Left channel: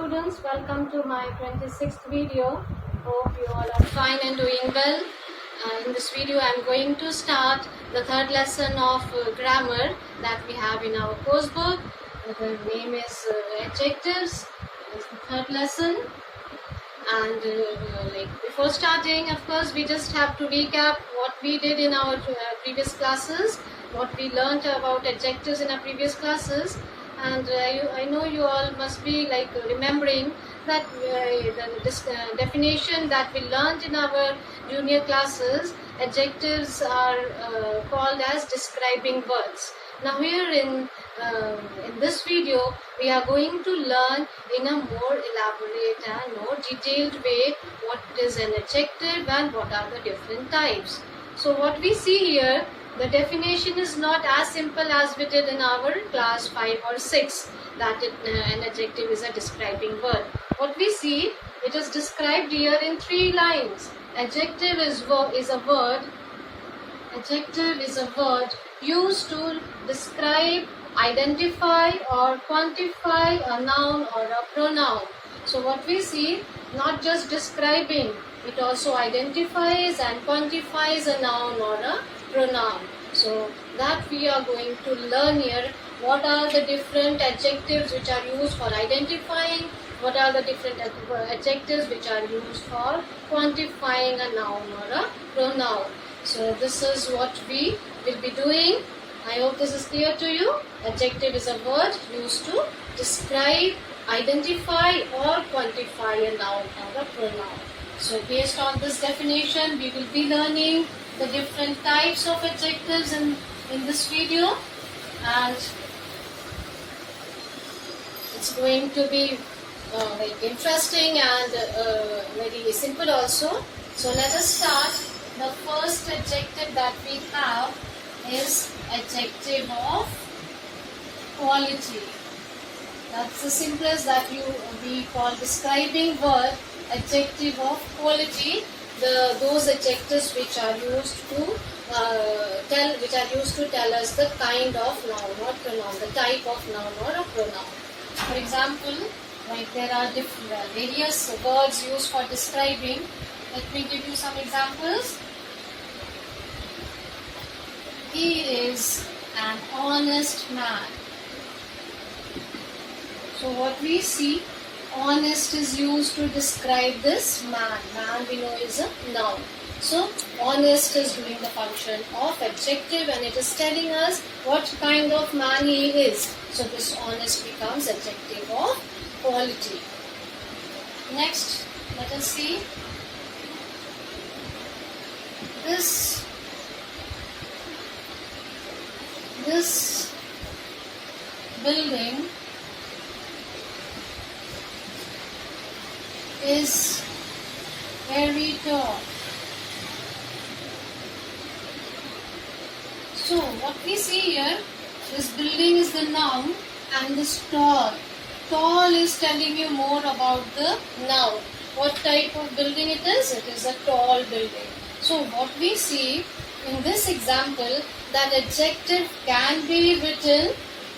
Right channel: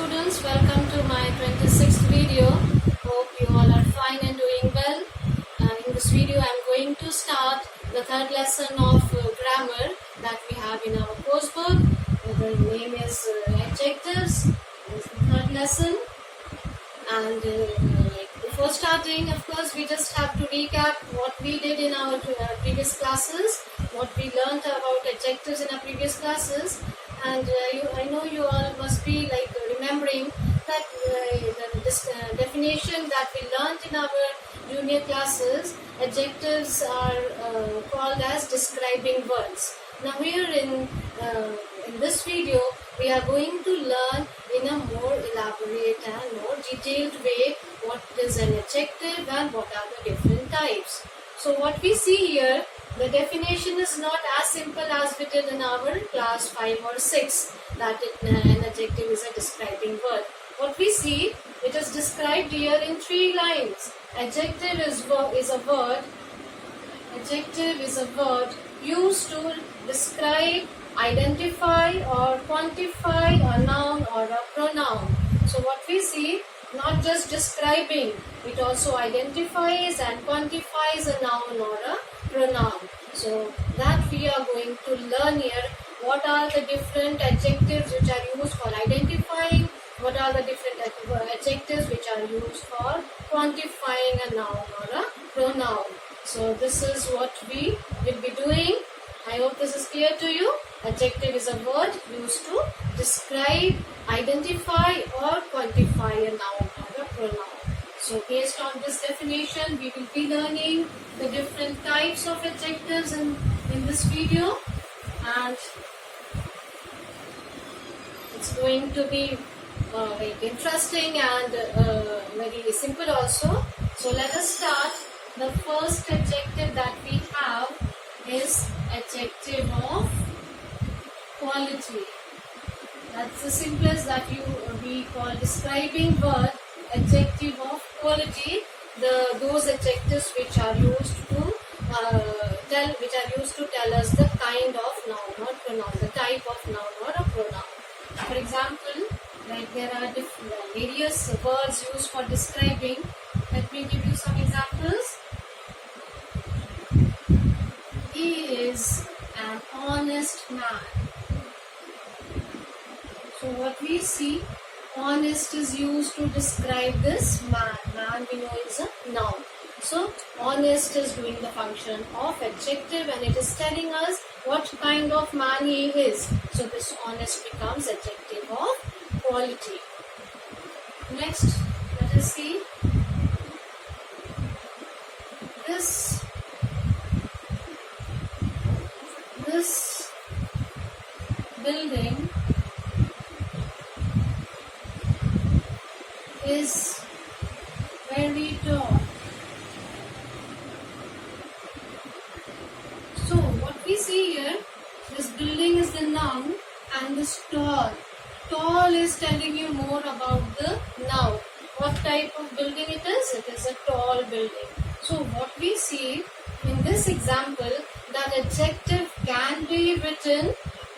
students, welcome to my 26th video. Hope you all are fine and doing well. In this video I am going to start the third lesson of grammar that we have in our course book. The name is adjectives. This is the third lesson, and before starting, of course, we just have to recap what we did in our previous classes, what we learnt about adjectives in our previous classes. And I know you all must be remembering that the definition that we learnt in our junior classes. Adjectives are called as describing words. Now here in this video, we are going to learn in a more elaborate and more detailed way what is an adjective and what are the different types. So what we see here, the definition is not as simple as we did in our class 5 or 6, that an adjective is a describing word. What we see, it is described here in 3 lines. Adjective is a word. Adjective is a word used to describe, identify or quantify a noun or a pronoun. So what we see, not just describing, it also identifies and quantifies a noun or a pronoun. So that we are going to learn here. What are the different adjectives which are used for identifying? What are the different adjectives which are used for quantifying a noun or a pronoun? So this is what we will be doing. I hope this is clear to you. Adjective is a word used to describe, identify or quantify a noun or a pronoun. So based on this definition, we will be learning the different types of adjectives in this video, and it's going to be very interesting and very simple also. So let us start. The first adjective that we have is adjective of quality. That's the simplest that we call describing word. Adjective of quality. Those adjectives which are used to tell us the kind of noun or pronoun, the type of noun or a pronoun. For example, there are various words used for describing. Let me give you some examples. He is an honest man. So what we see, honest is used to describe this man. Man we know is a noun. So honest is doing the function of adjective and it is telling us what kind of man he is. So this honest becomes adjective of quality. Next, let us see. This building is very tall. So what we see here, this building is the noun and this tall. Tall is telling you more about the noun. What type of building it is? It is a tall building. So what we see in this example, that adjective can be written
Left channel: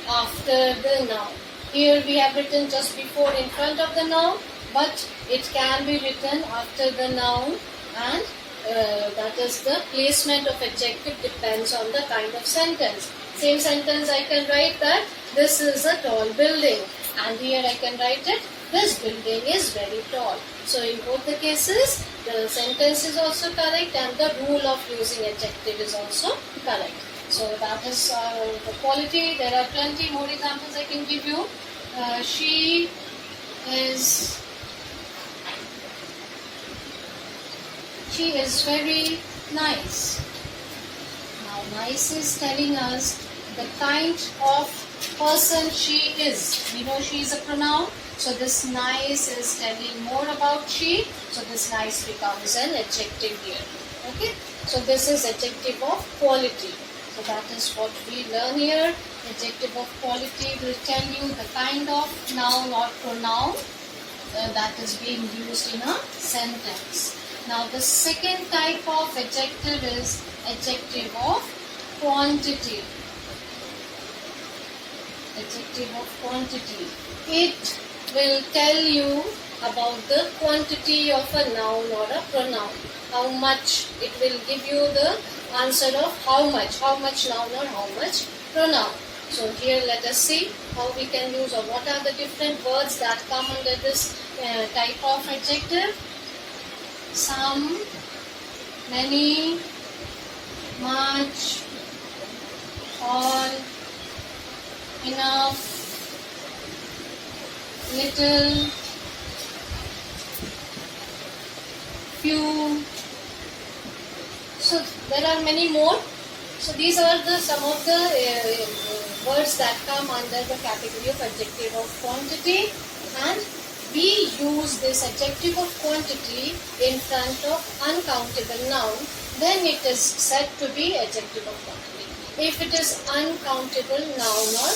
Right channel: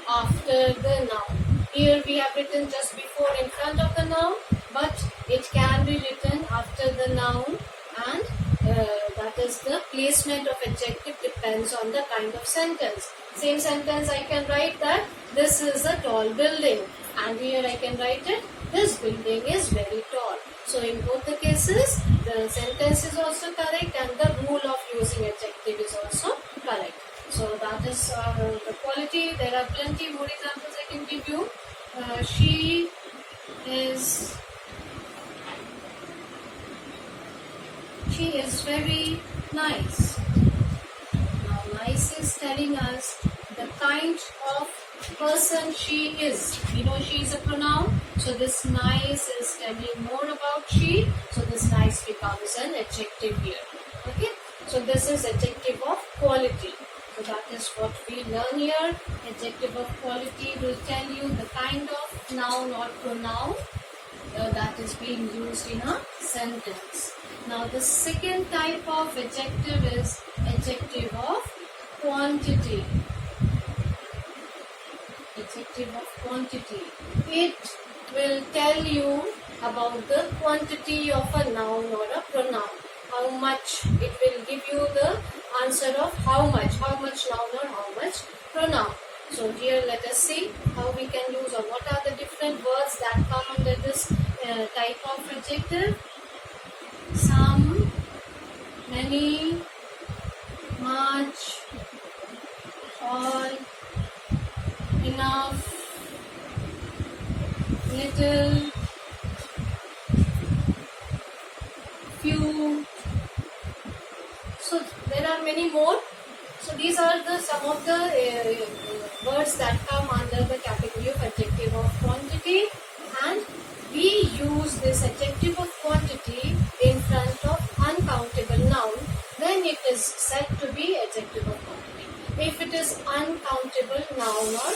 after the noun. Here we have written just before in front of the noun, but it can be written after the noun, and that is the placement of adjective depends on the kind of sentence. Same sentence I can write that this is a tall building, and here I can write it, this building is very tall. So in both the cases, the sentence is also correct and the rule of using adjective is also correct. So that is the quality. There are plenty more examples I can give you. She is very nice. Now nice is telling us the kind of person she is. We know she is a pronoun. So this nice is telling more about she. So this nice becomes an adjective here. Okay. So this is adjective of quality. So that is what we learn here. Adjective of quality will tell you the kind of noun or pronoun that is being used in a sentence. Now the second type of adjective is adjective of quantity. Adjective of quantity. It will tell you about the quantity of a noun or a pronoun. How much, it will give you the answer of how much noun or how much pronoun. So here let us see how we can use, or what are the different words that come under this type of adjective. Some, many, much, all, enough, little, few. So there are many more. So these are the some of the words that come under the category of adjective of quantity, and we use this adjective of quantity in front of uncountable noun, then it is said to be adjective of quantity. If it is uncountable noun or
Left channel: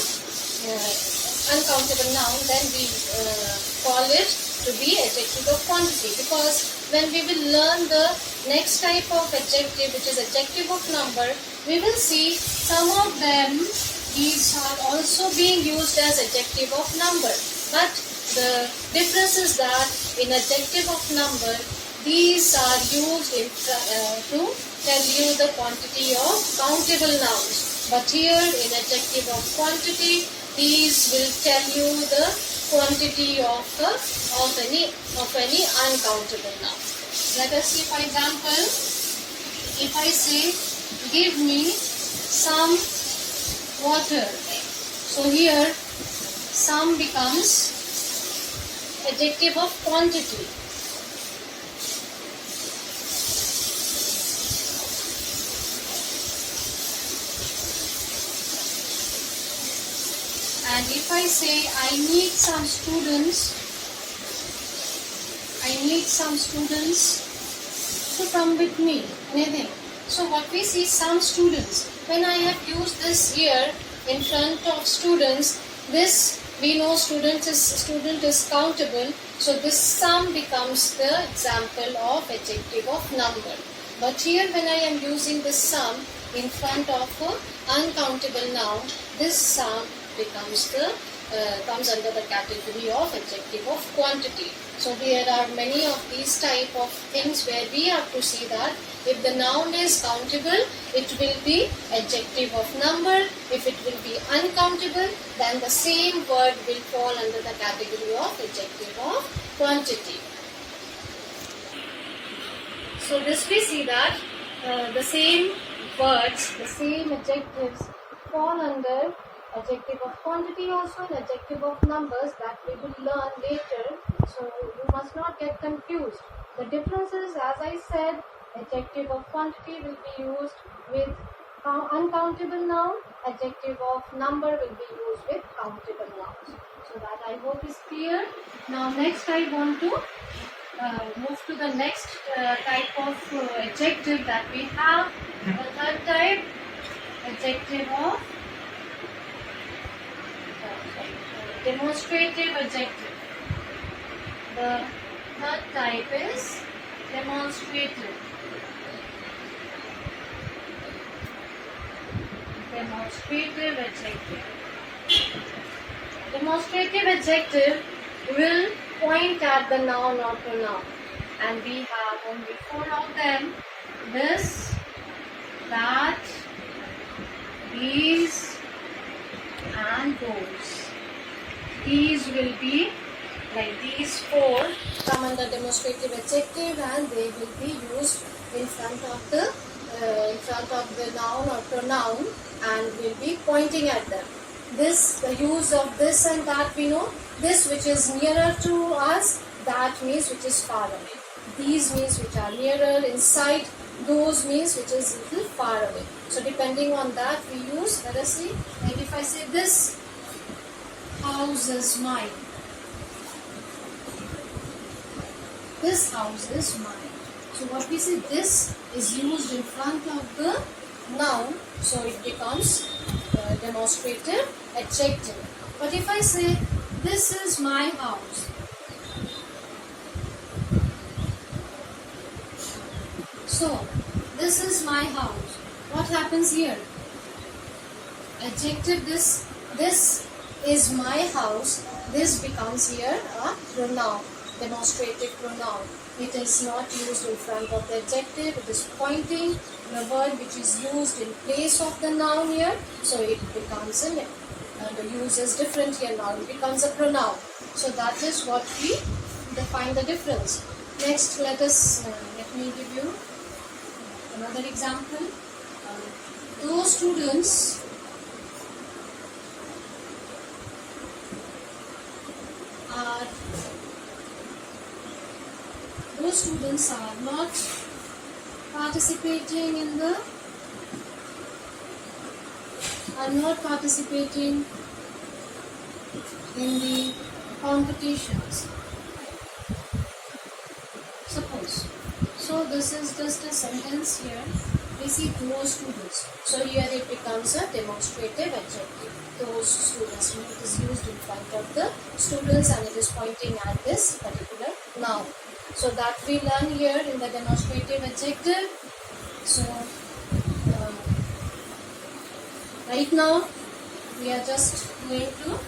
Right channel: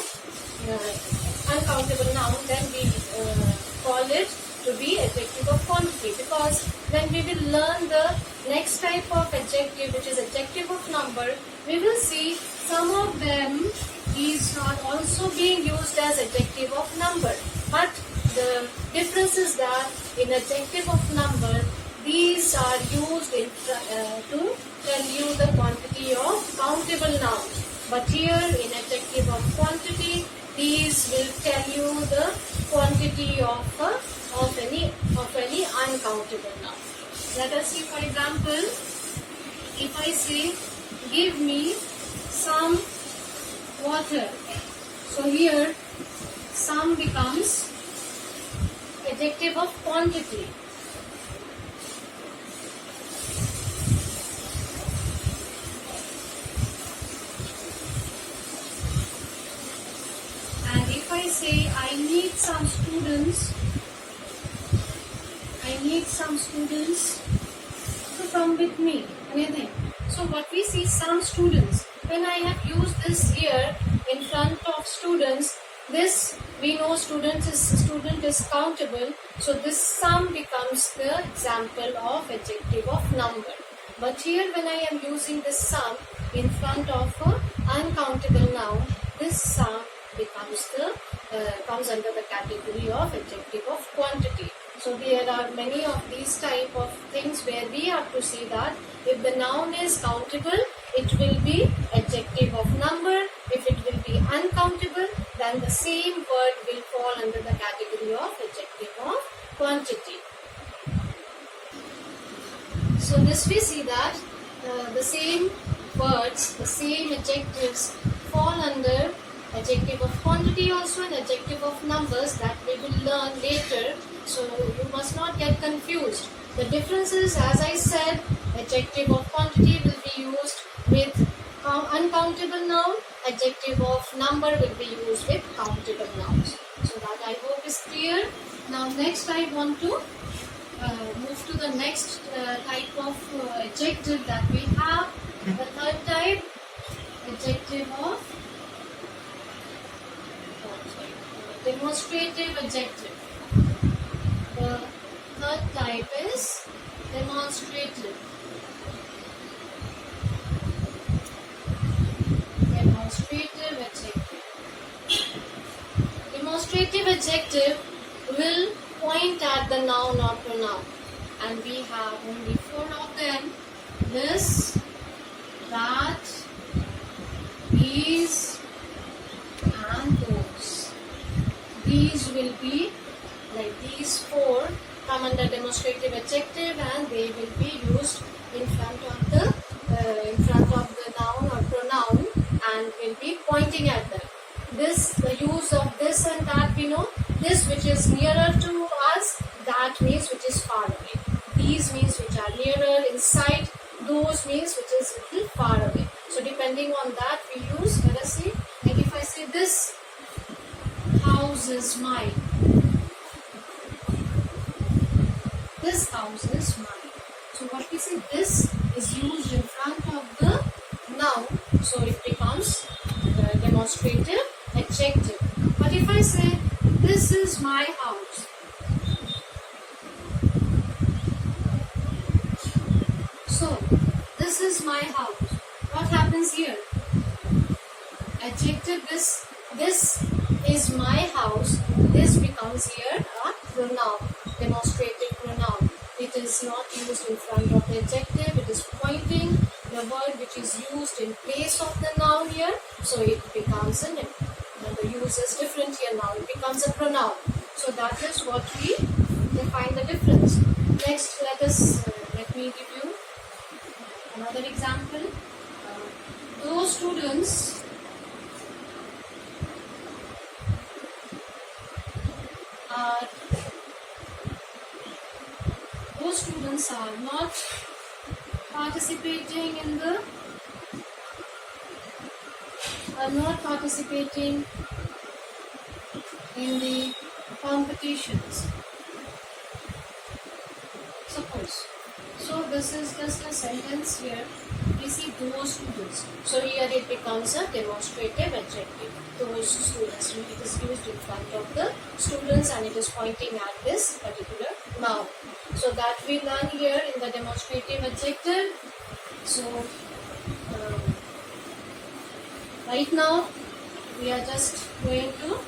uncountable noun, then we call it to be adjective of quantity, because when we will learn the next type of adjective, which is adjective of number, we will see some of them, these are also being used as adjective of number. But the difference is that in adjective of number, these are used to tell you the quantity of countable nouns. But here in adjective of quantity, these will tell you the quantity of any uncountable noun. Let us see, for example, if I say, give me some water. So here, some becomes adjective of quantity. And if I say, I need some students to come with me, anything. So what we see, some students. When I have used this here in front of students, this we know student is countable. So this some becomes the example of adjective of number. But here when I am using this some in front of an uncountable noun, this some becomes comes under the category of adjective of quantity. So there are many of these type of things where we have to see that if the noun is countable, it will be adjective of number. If it will be uncountable, then the same word will fall under the category of adjective of quantity. So this we see that the same words, the same adjectives fall under adjective of quantity also and adjective of numbers, that we will learn later. So you must not get confused. The difference is, as I said, adjective of quantity will be used with uncountable noun, adjective of number will be used with countable nouns. So that I hope is clear. Now next I want to move to the next type of adjective that we have. The third type, adjective of demonstrative adjective. The third type is demonstrative. Demonstrative adjective. Demonstrative adjective will point at the noun or pronoun, and we have only 4 of them: this, that, these, and those. These will be like these 4 come under demonstrative adjective, and they will be used in front of the noun or pronoun and will be pointing at them. This, the use of this and that, we know. This which is nearer to us, that means which is far away. These means which are nearer, in sight. Those means which is little far away. So depending on that we use. Let us see. Like if I say this house is mine. This house is mine. So what we say, this is used in front of the noun, so it becomes demonstrative adjective. But if I say this is my house, so this is my house, what happens here? Adjective, this is my house, this becomes here a pronoun, demonstrative pronoun. It is not used in front of the adjective, it is pointing the word which is used in place of the noun here, so it becomes the use is different here now, it becomes a pronoun. So that is what we define the difference. Next, let me give you another example. Those students are not participating in the competitions. Suppose. So this is just a sentence here. We see those students. So here it becomes a demonstrative adjective. Those students. It is used in front of the students and it is pointing at this particular noun. So that we learn here in the demonstrative adjective. So right now we are just going to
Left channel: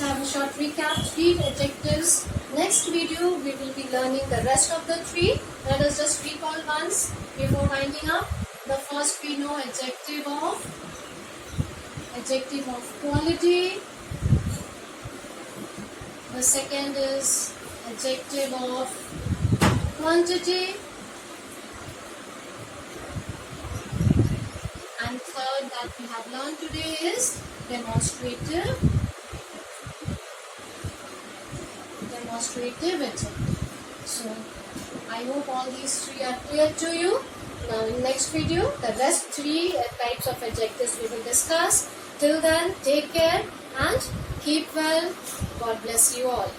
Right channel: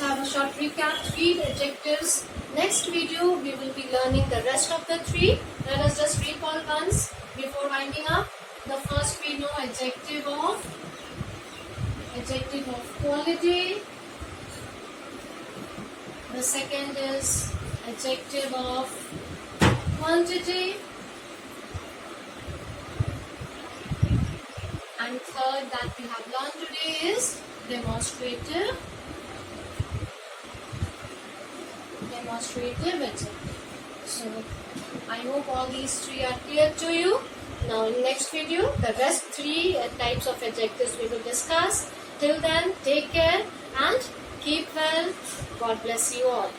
have a short recap. 3 adjectives. Next video we will be learning the rest of the 3. Let us just recall once before winding up. The first we know adjective of quality. The second is adjective of quantity. And third that we have learned today is demonstrative adjective. So I hope all these 3 are clear to you. Now in next video the rest 3 types of adjectives we will discuss. Till then, take care and keep well. God bless you all.